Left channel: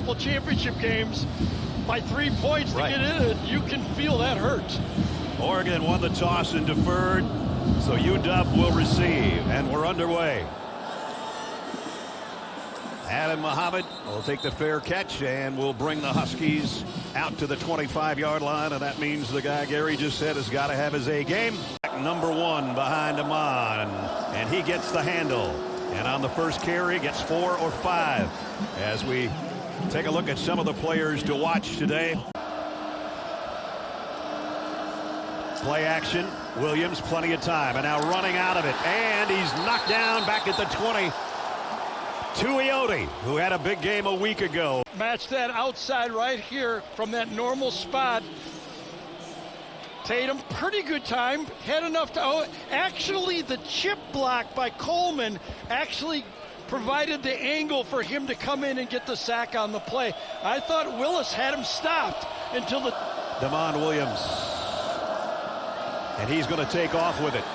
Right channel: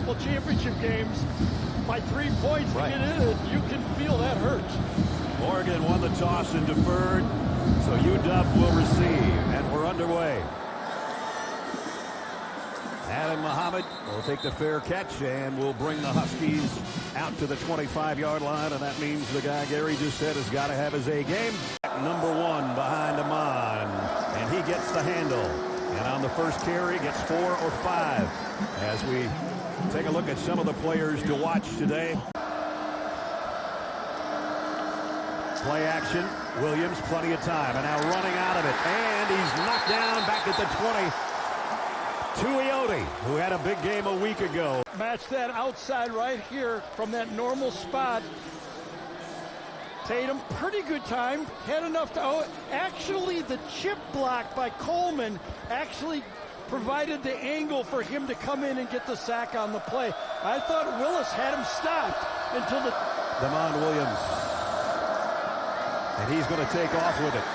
couple championship games by 3 points to get in it. You can feel that hurts. Oregon won the toss and deferred, so UW will receive, and we're underway. Adam Muhammad will take the fair catch and will bring the Huskies out to the 25-yard line, and that means the guy Gary just said has got to have his A game. Number 1 behind Amon, and he gets the handle. And on the first carry, gets 4 or 5. As we take a look at some of the players to watch today. Play action. Williams, plenty of time, and now running out of it. And he's knocked down back at the 20. Tuioti, who had a big game a week ago. Match that outside right here from that normal spot. Tatum, pretty good time. Had enough to... actually, the chip block by Coleman actually provided the angle for him to come in and get the sack on the play. I thought Willis had him stopped until the... Damon Williams. And he's going to take off with it.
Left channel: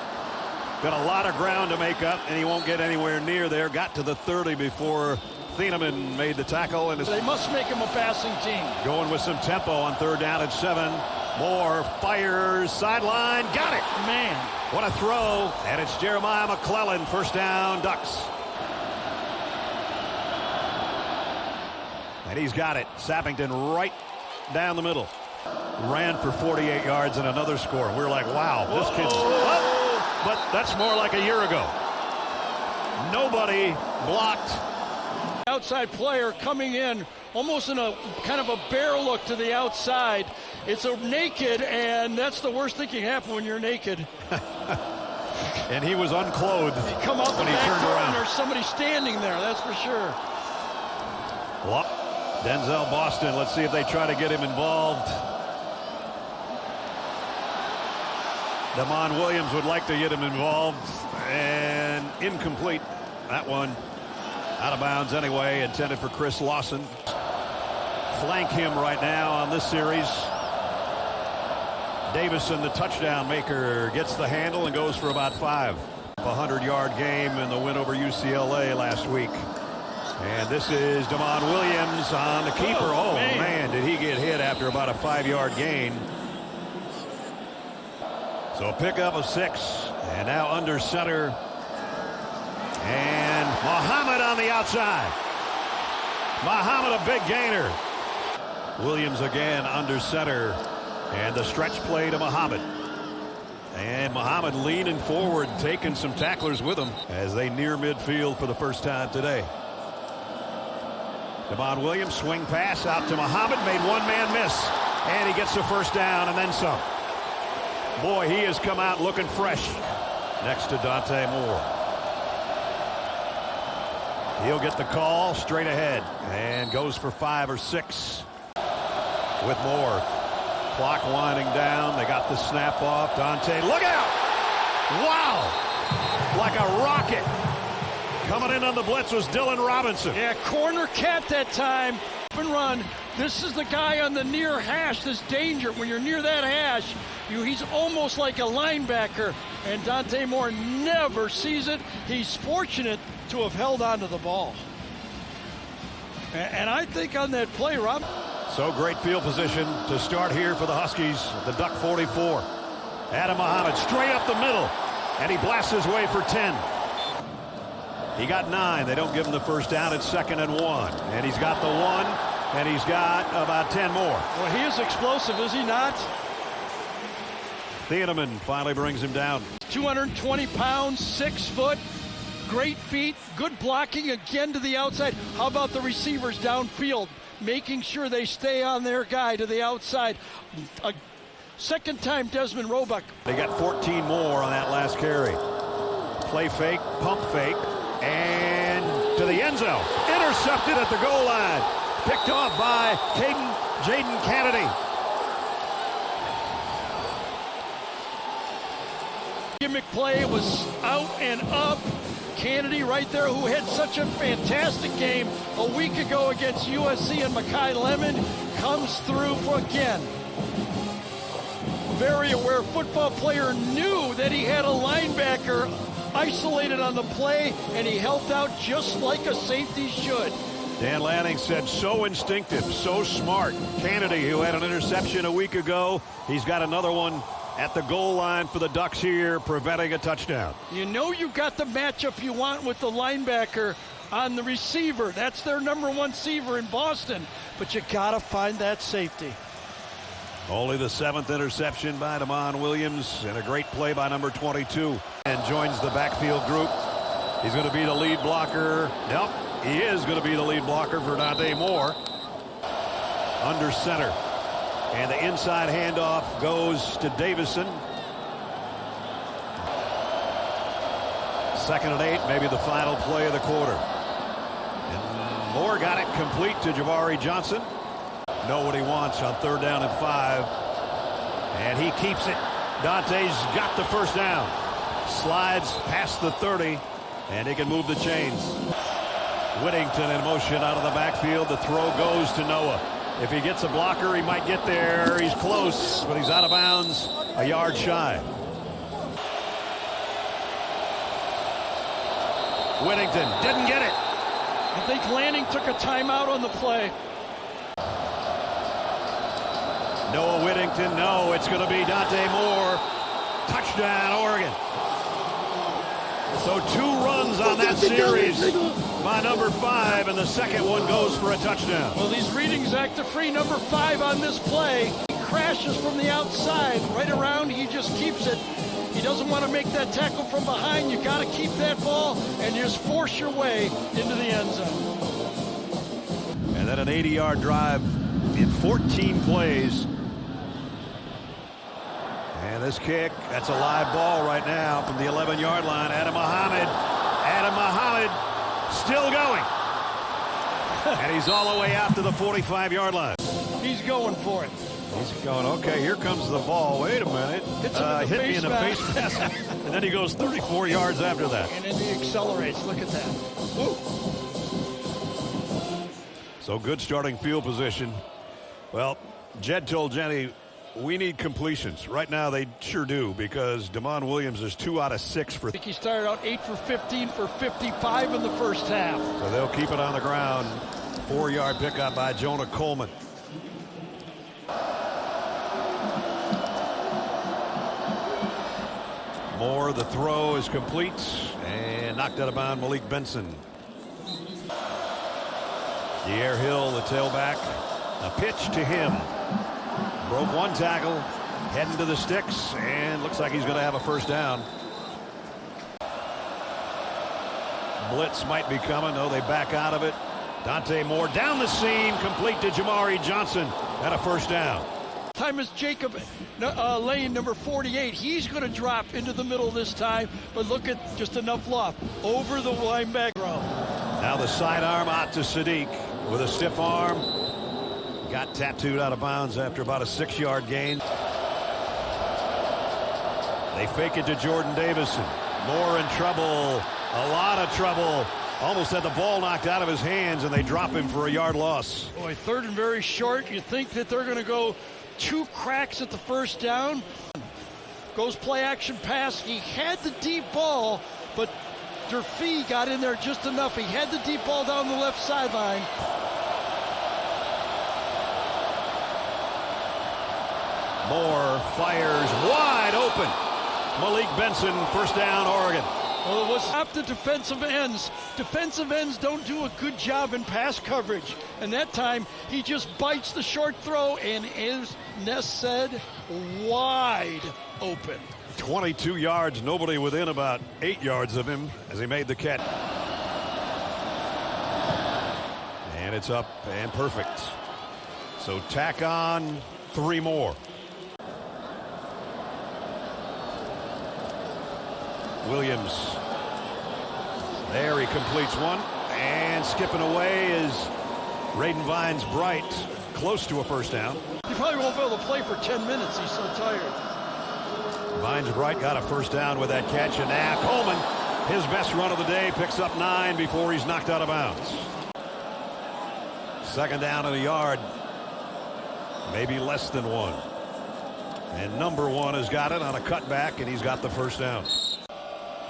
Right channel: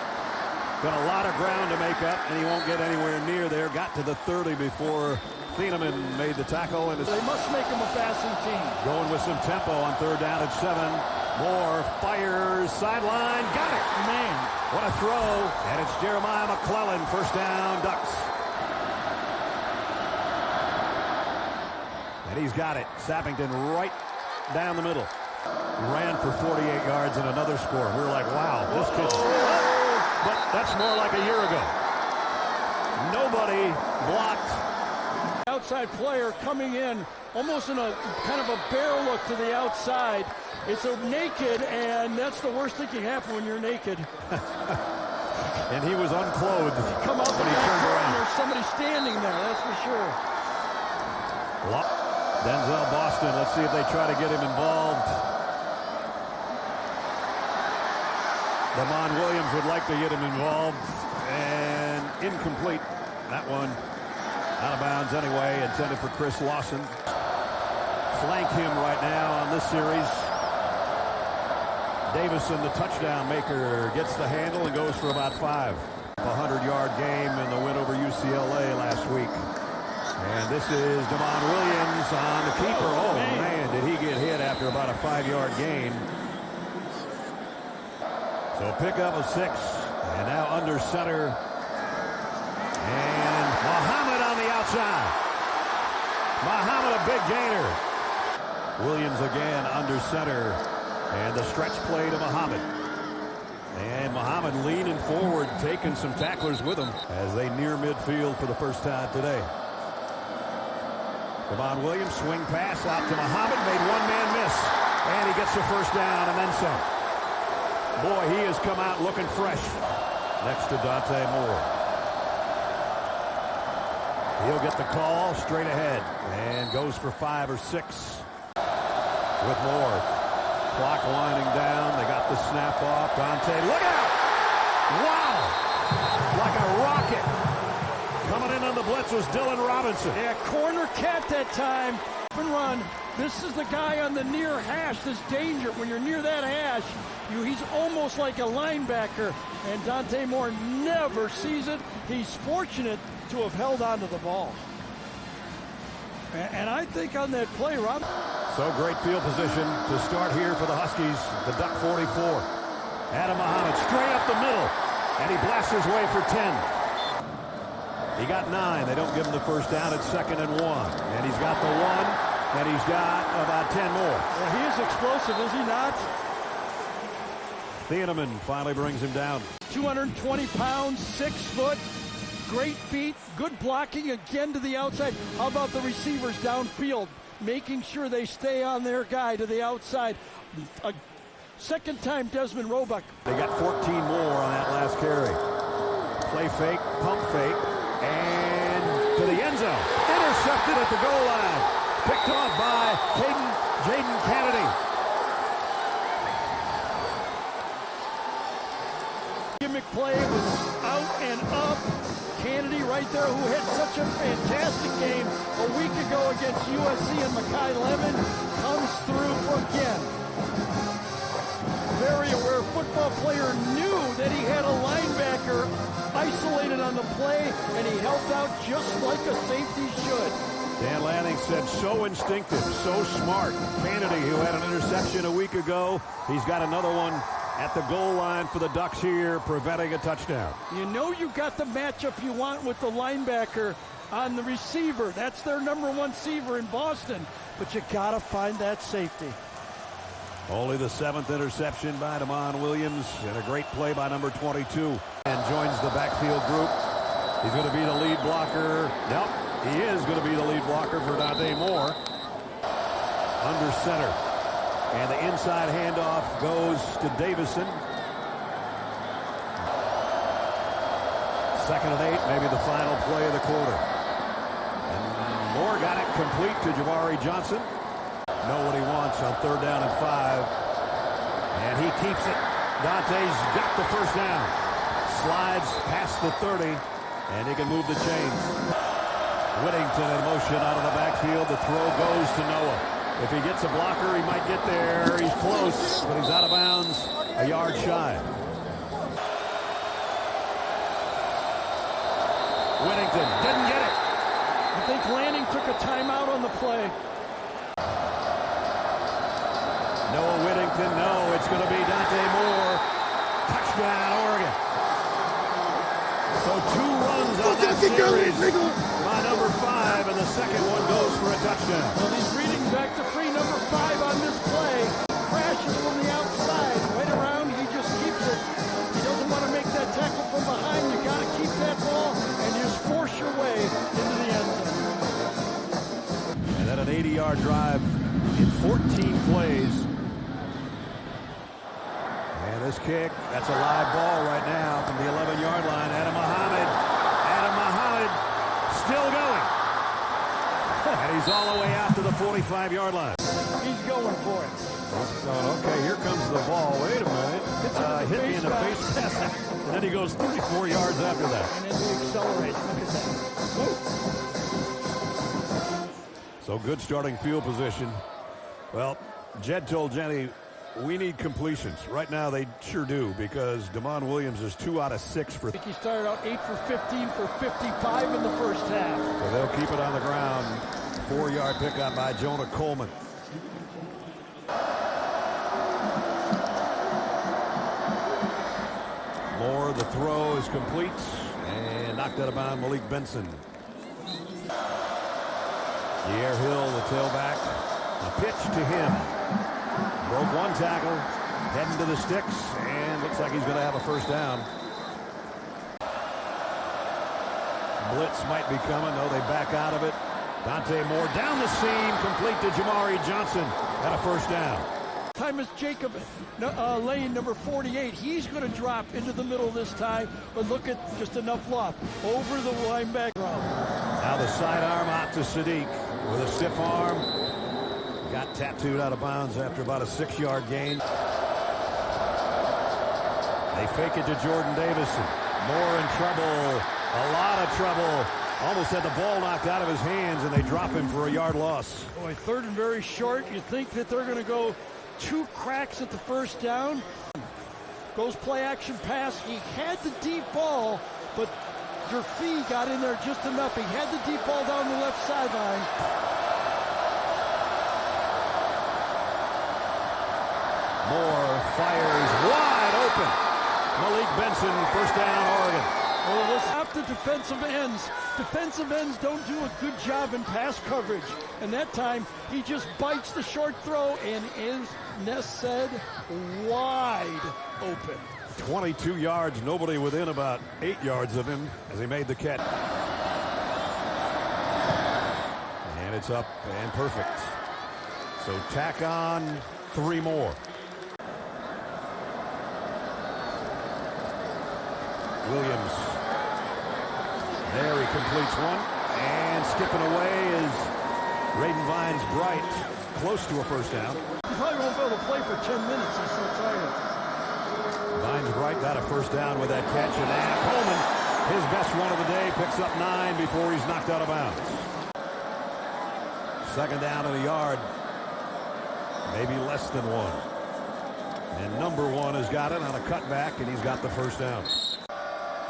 Got a lot of ground to make up, and he won't get anywhere near there. Got to the 30 before Thieneman made the tackle. And they must make him a passing team. Going with some tempo on 3rd down and 7. Moore fires, sideline, got it. Man, what a throw. And it's Jeremiah McClellan, 1st down, Ducks. And he's got it. Sappington right down the middle. Ran for 48 yards and another score. We're like, wow, this kid's... That's more like a year ago. Nobody blocked. Outside player coming in, almost in a kind of a bear look to the outside. It's a naked, and that's the worst thing can happen when you're naked. And he was unclothed. Come up and there's somebody standing there, that's for sure. Denzel Boston, let's see if they try to get him involved. Damon Williams would like to get him involved, and incomplete. That one out of bounds anyway, intended for Chris Lawson. Flank him right now on this series. Davison, the touchdown maker, gets the handle and goes for about 5. A 100-yard game in the win over UCLA last week. And this is Damon Williams on the keeper. Oh, man, did he get hit after about a 5-yard gain. So a pickup of 6, and now under center. And Muhammad on the outside. Muhammad, a big gainer. Williams again under center. And the stretch play to Muhammad. And Muhammad leaning forward, taking some tacklers with him as they near midfield for the first time today. Damon Williams, swing pass out to Muhammad, made one man miss. And he gets the 1st down and then some. Boy, he has come out looking fresh next to Dante Moore. He'll get the call straight ahead and goes for 5 or 6 with Moore. Clock winding down. They got the snap off. Dante, look out! Wow! Like a rocket. Coming in on the blitz was Dylan Robinson. Yeah, corner cat that time. And run. This is the guy on the near hash. This danger. When you're near that hash, he's almost like a linebacker. And Dante Moore never sees it. He's fortunate to have held on to the ball. And I think on that play, Rob. So great field position to start here for the Huskies. The Duck 44. Adam Muhammad straight up the middle. And he blasts his way for 10. He got 9. They don't give him the 1st down. It's 2nd and 1. And he's got the 1. And he's got about 10 more. Well, he is explosive, is he not? Thieneman finally brings him down. 220 pounds, 6 foot. Great feet, good blocking again to the outside. How about the receivers downfield, making sure they stay on their guy to the outside. A second time Desmond Roebuck. They got 14 more on that last carry. Play fake, pump fake, and to the end zone. Intercepted at the goal line. Picked off by Jaden Kennedy. Gimmick play was out and up. Kennedy right there, who had such a fantastic game a week ago against USC, and Makai Lemon comes through again. Very aware football player, knew that he had a linebacker isolated on Dan Lanning said so instinctive, so smart. Kennedy, who had an interception a week ago, he's got another one at the goal line for the Ducks here, preventing a touchdown. You know you got the matchup you want with the linebacker on the receiver. That's their number one receiver in Boston, but you got to find that safety. Only the 7th interception by Damon Williams, and a great play by number 22. And joins the backfield group. He's going to be the lead blocker. Nope, he is going to be the lead blocker for Dante Moore. Under center. And the inside handoff goes to Davison. 2nd and 8, maybe the final play of the quarter. Moore got it complete to Jabari Johnson. Know what he wants on 3rd down and 5. And he keeps it. Dante's got the first down. Slides past the 30, and he can move the chains. Whittington in motion out of the backfield. The throw goes to Noah. If he gets a blocker, he might get there. He's close, but he's out of bounds, a yard shy. Whittington didn't get it. I think Lanning took a timeout on the play. Noah Whittington, no, it's going to be Dante Moore. Touchdown, Oregon. So 2 runs on that series by number 5, and the second one goes for a touchdown. Well, he's reading back to free number 5 on this play. Crashes from the outside. Right around, he just keeps it. He doesn't want to make that tackle from behind. You got to keep that ball and just force your way into the end zone. And then an 80-yard drive in 14 plays. And this kick, that's a live ball right now from the 11-yard line. Adam Muhammad still going. And he's all the way out to the 45-yard line. He's going for it. He's going, okay, here comes the ball. Wait a minute. Hit me in the face pass. And then he goes 34 yards after that. And then he accelerates. Look at that. So good starting field position. Well, Jed told Jenny, we need completions. Right now they sure do, because Damon Williams is 2 out of 6 for. I think he started out 8 for 15 for 55 in the first half. So they'll keep it on the ground. 4-yard pickup by Jonah Coleman. Moore, the throw is complete and knocked out of bounds. Malik Benson. Pierre Hill, the tailback. A pitch to him. Broke 1 tackle, heads to the sticks, and looks like he's going to have a first down. Blitz might be coming. Oh, they back out of it. Dante Moore down the seam, complete to Jamari Johnson, and a first down. Time is Jacob Lane, number 48. He's going to drop into the middle this time, but look at just enough loft over the linebacker. Now the sidearm out to Sadiq with a stiff arm. Got tattooed out of bounds after about a 6-yard gain. They fake it to Jordan Davison. Moore in trouble. A lot of trouble. Almost had the ball knocked out of his hands, and they drop him for a yard loss. Boy, 3rd and very short. You think that they're going to go 2 cracks at the first down. Goes play action pass. He had the deep ball, but Durfee got in there just enough. He had the deep ball down the left sideline. Moore fires wide open. Malik Benson, first down, Oregon. Well, let's stop the defensive ends. Defensive ends don't do a good job in pass coverage. And that time, he just bites the short throw and is, Ness said, wide open. 22 yards, nobody within about 8 yards of him as he made the catch. And it's up and perfect. So tack on 3 more. Williams. There he completes one. And skipping away is Raiden Vines Bright. Close to a first down. He probably won't be able to play for 10 minutes. He's so tired. Vines Bright got a first down with that catch. And Coleman, his best run of the day, picks up 9 before he's knocked out of bounds. 2nd down and a yard. Maybe less than 1. And number 1 has got it on a cutback, and he's got the first down.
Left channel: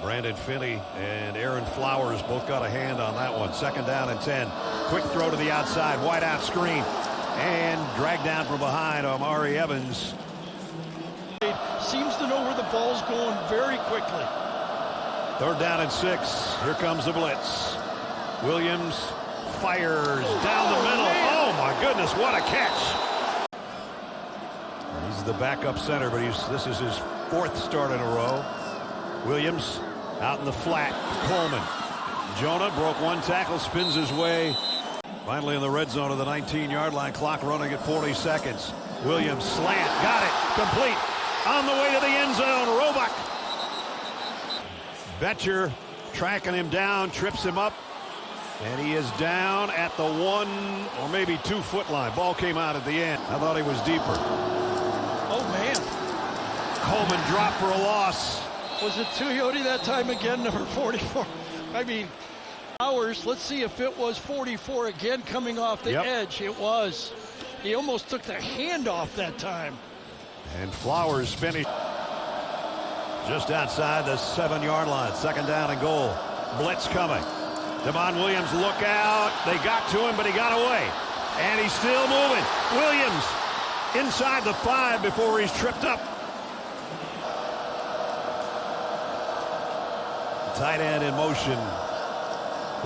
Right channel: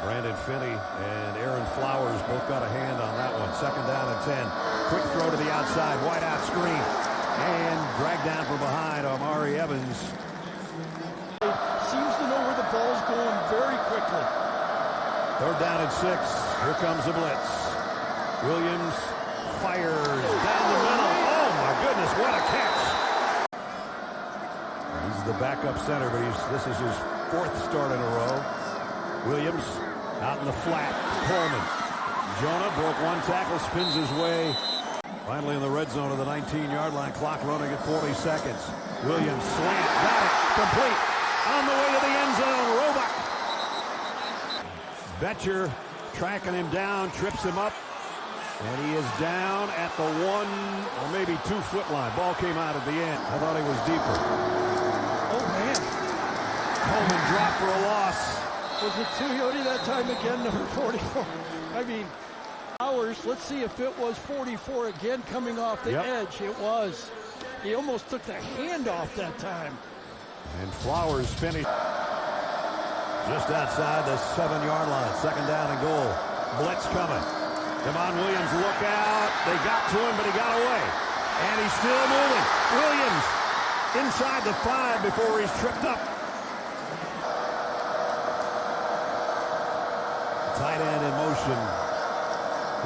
Brandon Finney and Aaron Flowers both got a hand on that one. 2nd down and 10. Quick throw Williams fires down the middle. Oh, my goodness, what a catch. He's the backup center, but this is his fourth start in a row. Williams out in the flat. Coleman. Jonah broke one tackle, spins his way. Finally in the red zone of the 19-yard line. Clock running at 40 seconds. Williams slam. Got it. Complete. On the way to the end zone. Roebuck. Betcher tracking him down, trips him up. And he is down at the 1 or maybe 2 foot line. Ball came out at the end. I thought he was deeper. Coleman dropped for a loss. Was it Tuioti that time again, number 44? I mean, ours, let's see if it was 44 again coming off the edge. It was. He almost took the hand off that time. And Flowers finished just outside the 7-yard line. Second down and goal. Blitz coming. Devon Williams, look out. They got to him, but he got away. And he's still moving. Williams inside the 5 before he's tripped up. Tight end in motion.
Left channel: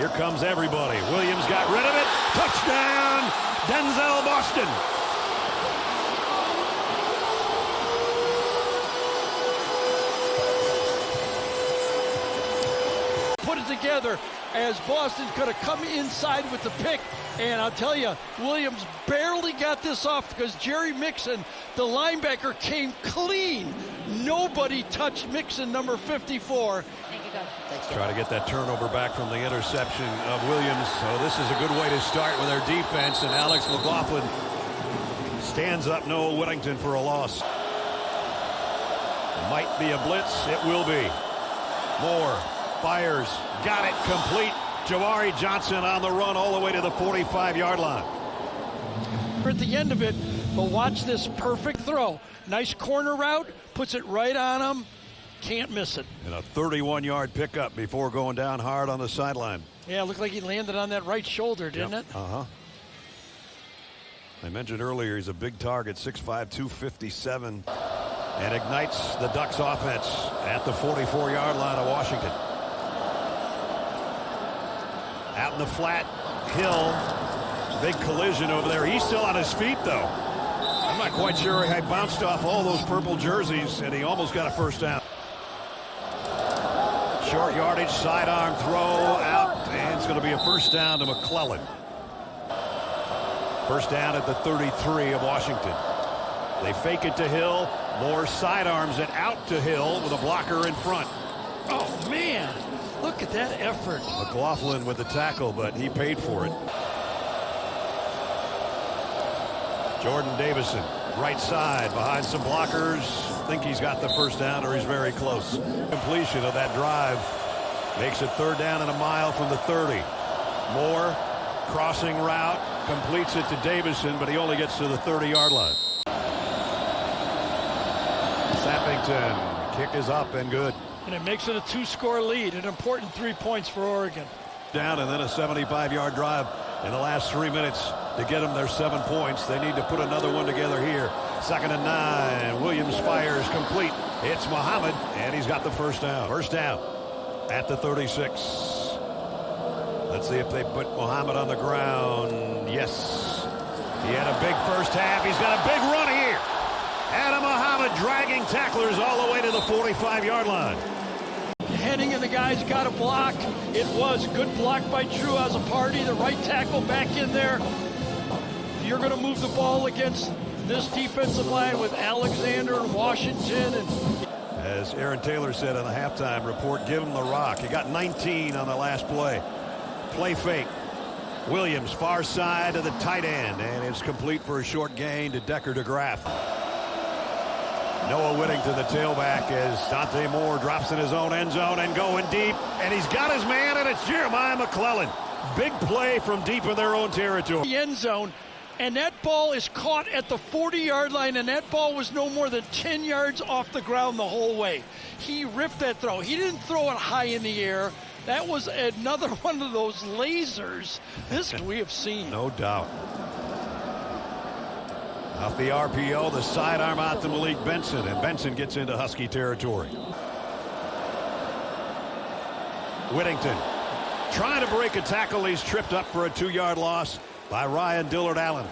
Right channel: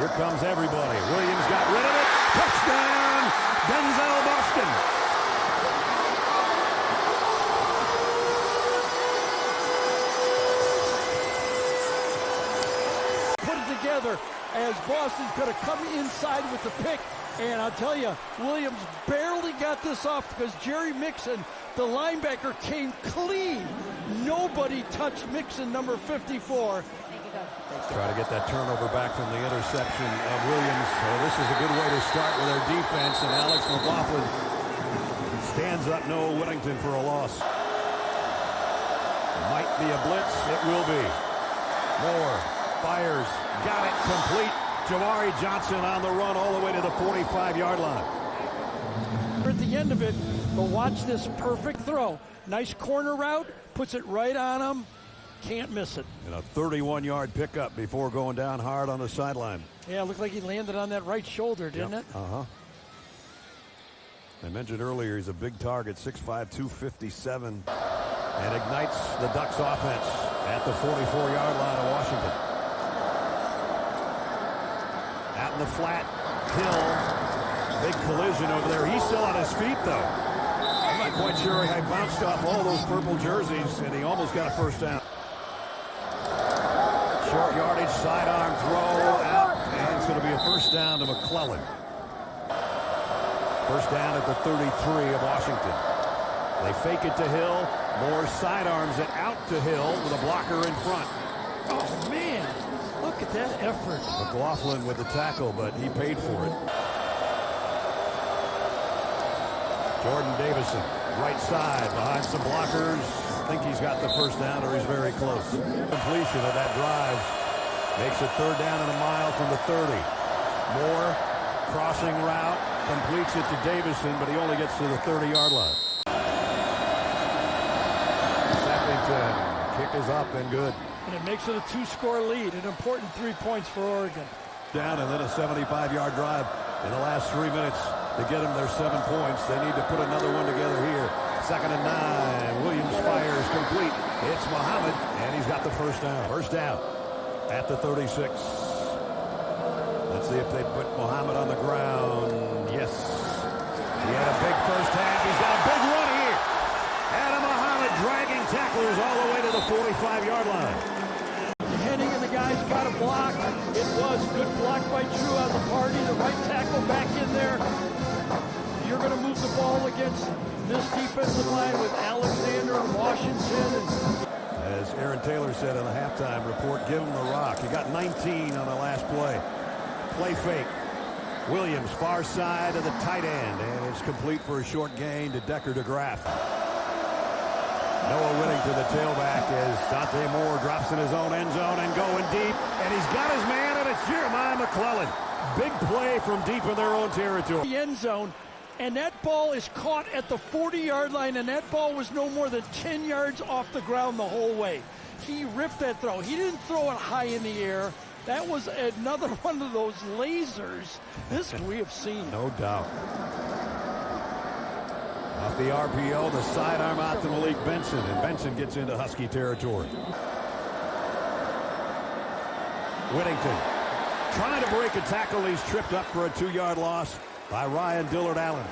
Here comes everybody. Williams got rid of it. Touchdown, Denzel Boston. Put it together as Boston could have come inside with the pick. And I'll tell you, Williams barely got this off because Jerry Mixon, the linebacker, came clean. Nobody touched Mixon, number 54. Try to get that turnover back from the interception of Williams. This is a good way to start with their defense. And Alex McLaughlin stands up Noah Whittington for a loss. Might be a blitz. It will be. Moore fires. Got it. Complete. Jawari Johnson on the run all the way to the 45-yard line. At the end of it, but watch this perfect throw. Nice corner route. Puts it right on him. Can't miss it. And a 31-yard pickup before going down hard on the sideline. Yeah, it looked like he landed on that right shoulder, didn't it? Uh-huh. I mentioned earlier he's a big target, 6'5", 257, and ignites the Ducks offense at the 44-yard line of Washington. Out in the flat, Hill, big collision over there. He's still on his feet, though. I'm quite sure he bounced off all those purple jerseys, and he almost got a first down. Short yardage, sidearm throw out, and it's going to be a first down to McClellan. First down at the 33 of Washington. They fake it to Hill. More sidearms it out to Hill with a blocker in front. Oh, man. Look at that effort. McLaughlin with the tackle, but he paid for it. Jordan Davison, right side, behind some blockers. I think he's got the first down, or he's very close. Completion of that drive makes it third down and a mile from the 30. Moore, crossing route, completes it to Davison, but he only gets to the 30-yard line. Snapping to kick is up and good. And it makes it a 2-score lead, an important 3 points for Oregon. Down and then a 75-yard drive in the last 3 minutes to get them their 7 points. They need to put another one together here. Second and 9. Williams fires complete. It's Muhammad, and he's got the first down. First down at the 36. Let's see if they put Muhammad on the ground. Yes. He had a big first half. He's got a big run here. Adam Muhammad dragging tacklers all the way to the 45-yard line. Heading and the guys got a block. It was good block by Drew Azzopardi. The right tackle back in there. You're going to move the ball against this defensive line with Alexander, Washington. As Aaron Taylor said in the halftime report, give him the rock. He got 19 on the last play. Play fake. Williams, far side of the tight end. And it's complete for a short gain to Decker DeGraff. Noah Whittington, the tailback, as Dante Moore drops in his own end zone and going deep. And he's got his man, and it's Jeremiah McClellan. Big play from deep in their own territory. The end zone. And that ball is caught at the 40-yard line, and that ball was no more than 10 yards off the ground the whole way. He ripped that throw. He didn't throw it high in the air. That was another one of those lasers this we have seen. No doubt. Off the RPO, the sidearm out to Malik Benson, and Benson gets into Husky territory. Whittington Trying to break a tackle. He's tripped up for a 2-yard loss by Ryan Dillard Allen.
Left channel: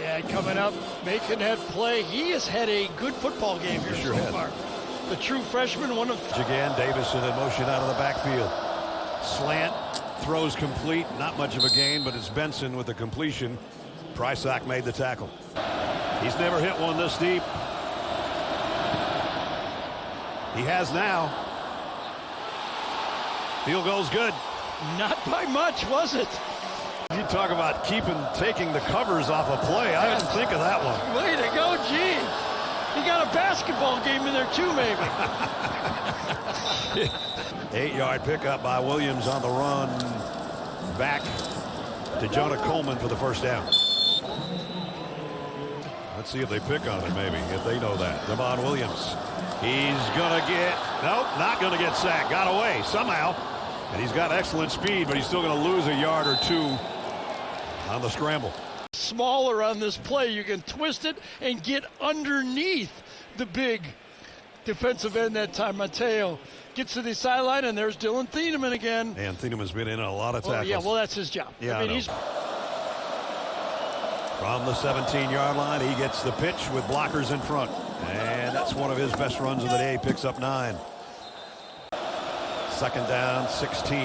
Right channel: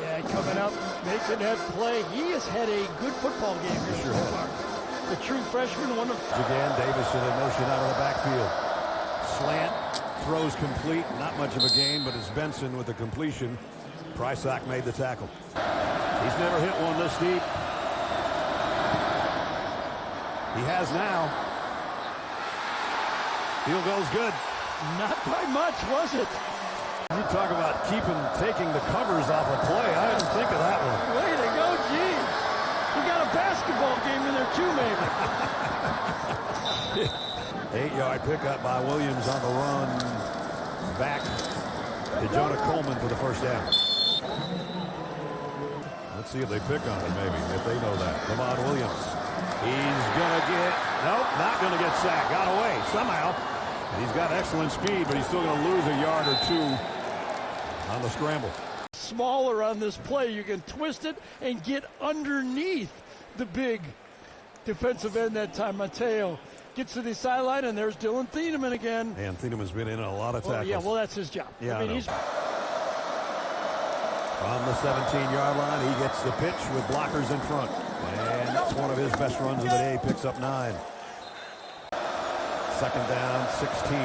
Yeah, coming up, making that play. He has had a good football game so far. The true freshman, one of... Again, Davison in motion out of the backfield. Slant, throws complete. Not much of a gain, but it's Benson with the completion. Prysock made the tackle. He's never hit one this deep. He has now. Field goal's good. Not by much, was it? You talk about taking the covers off a play. I didn't think of that one. Way to go, gee. We got a basketball game in there too, maybe. 8-yard pickup by Williams on the run. Back to Jonah Coleman for the first down. Let's see if they pick on it, maybe, if they know that. Lamont Williams. He's going to get... Nope, not going to get sacked. Got away somehow. And he's got excellent speed, but he's still going to lose a yard or two on the scramble. Smaller on this play. You can twist it and get underneath the big defensive end that time. Mateo gets to the sideline, and there's Dylan Thieneman again. And Thieneman's been in a lot of tackles. Yeah, well, that's his job. Yeah, I mean, he's... From the 17-yard line, he gets the pitch with blockers in front. And that's one of his best runs of the day. Picks up 9. Second down, 16.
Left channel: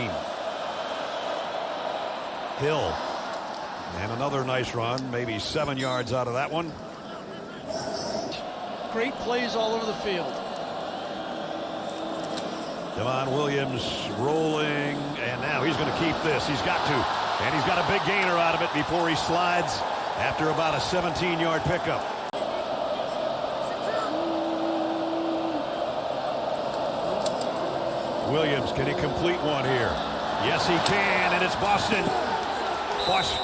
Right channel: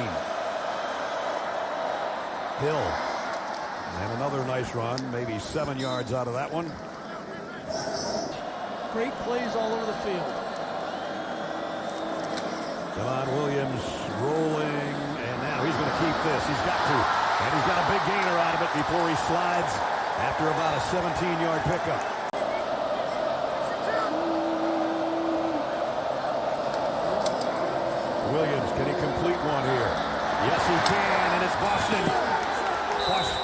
Hill. And another nice run. Maybe 7 yards out of that one. Great plays all over the field. Don Williams rolling. And now he's going to keep this. He's got to. And he's got a big gainer out of it before he slides after about a 17-yard pickup. Williams, can he complete one here? Yes, he can, and it's Boston.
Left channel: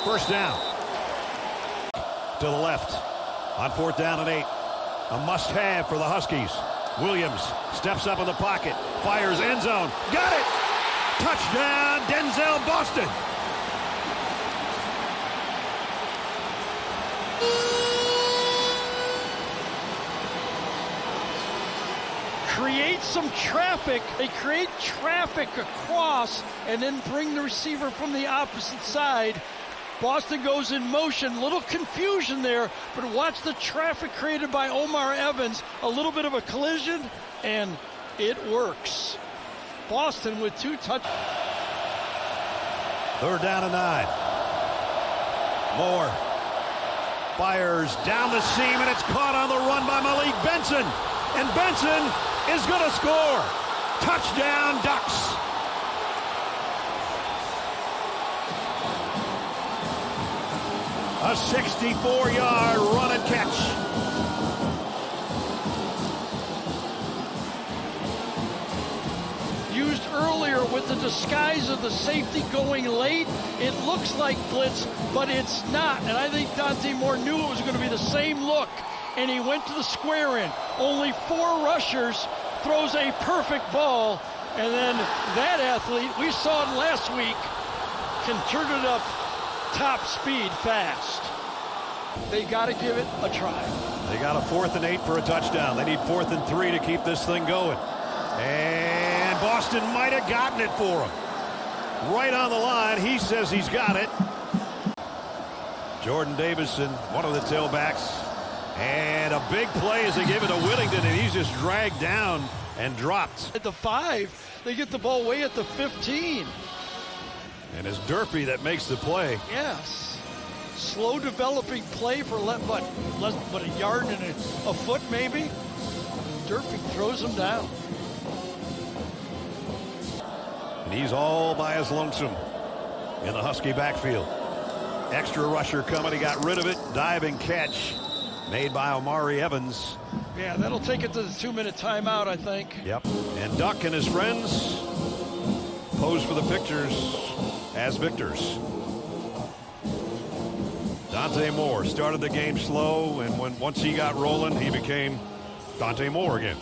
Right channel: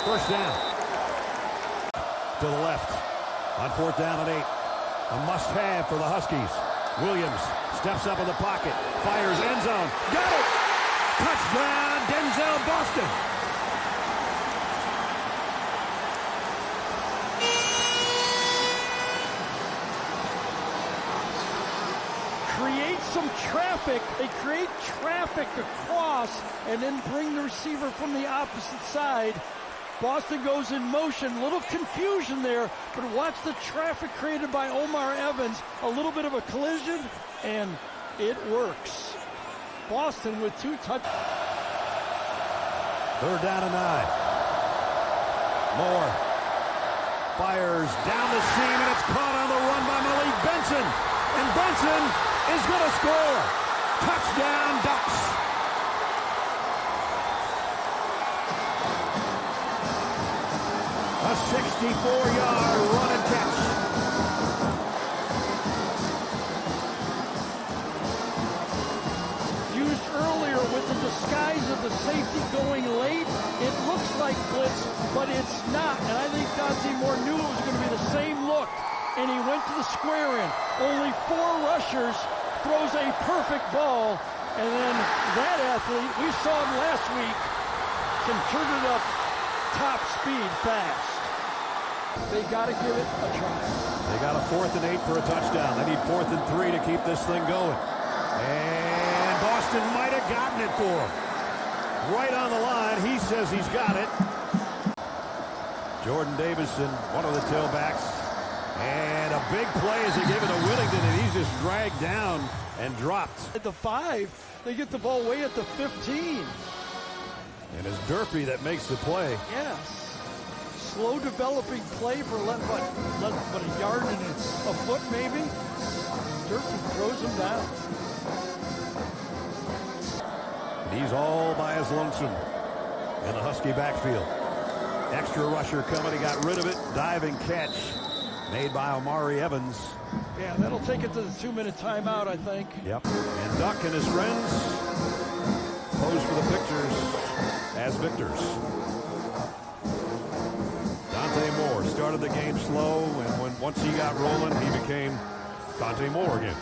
First down. To the left on 4th down and 8. A must-have for the Huskies. Williams steps up in the pocket, fires end zone. Got it! Touchdown, Denzel Boston. Some traffic. They create traffic across and then bring the receiver from the opposite side. Boston goes in motion. Little confusion there, but watch the traffic created by Omar Evans. A little bit of a collision, and it works. Boston with 2 touchdowns. 3rd down and 9. Moore fires down the seam, and it's caught on the run by Malik Benson. And Benson is going to score. Touchdown, Ducks. A 64-yard run and catch. Used earlier with the disguise of the safety going late. It looks like blitz, but it's not. And I think Dante Moore knew it was going to be the same look. And he went to the square end. Only 4 rushers, throws a perfect ball, and then that athlete, we saw him last week, can turn it up top speed fast. They got to give it a try. They got a 4th and 8 for a touchdown. They need 4th and 3 to keep this thing going. And Boston might have gotten it for him. Right on the line, he says he's got it. Jordan Davison, one of the tailbacks. And a big play as he gave it to Whittington, and he's just dragged down and dropped. At the 5, they get the ball way at the 15. And it's Durfee that makes the play. Yes. Slow developing play for less but a yard and a foot maybe. Durfee throws him down. He's all by his lonesome in the Husky backfield. Extra rusher coming, he got rid of it. Diving catch made by Omari Evans. Yeah, that'll take it to the 2-minute timeout, I think. Yep. And Duck and his friends pose for the pictures as victors. Dante Moore started the game slow, and once he got rolling, he became Dante Moore again.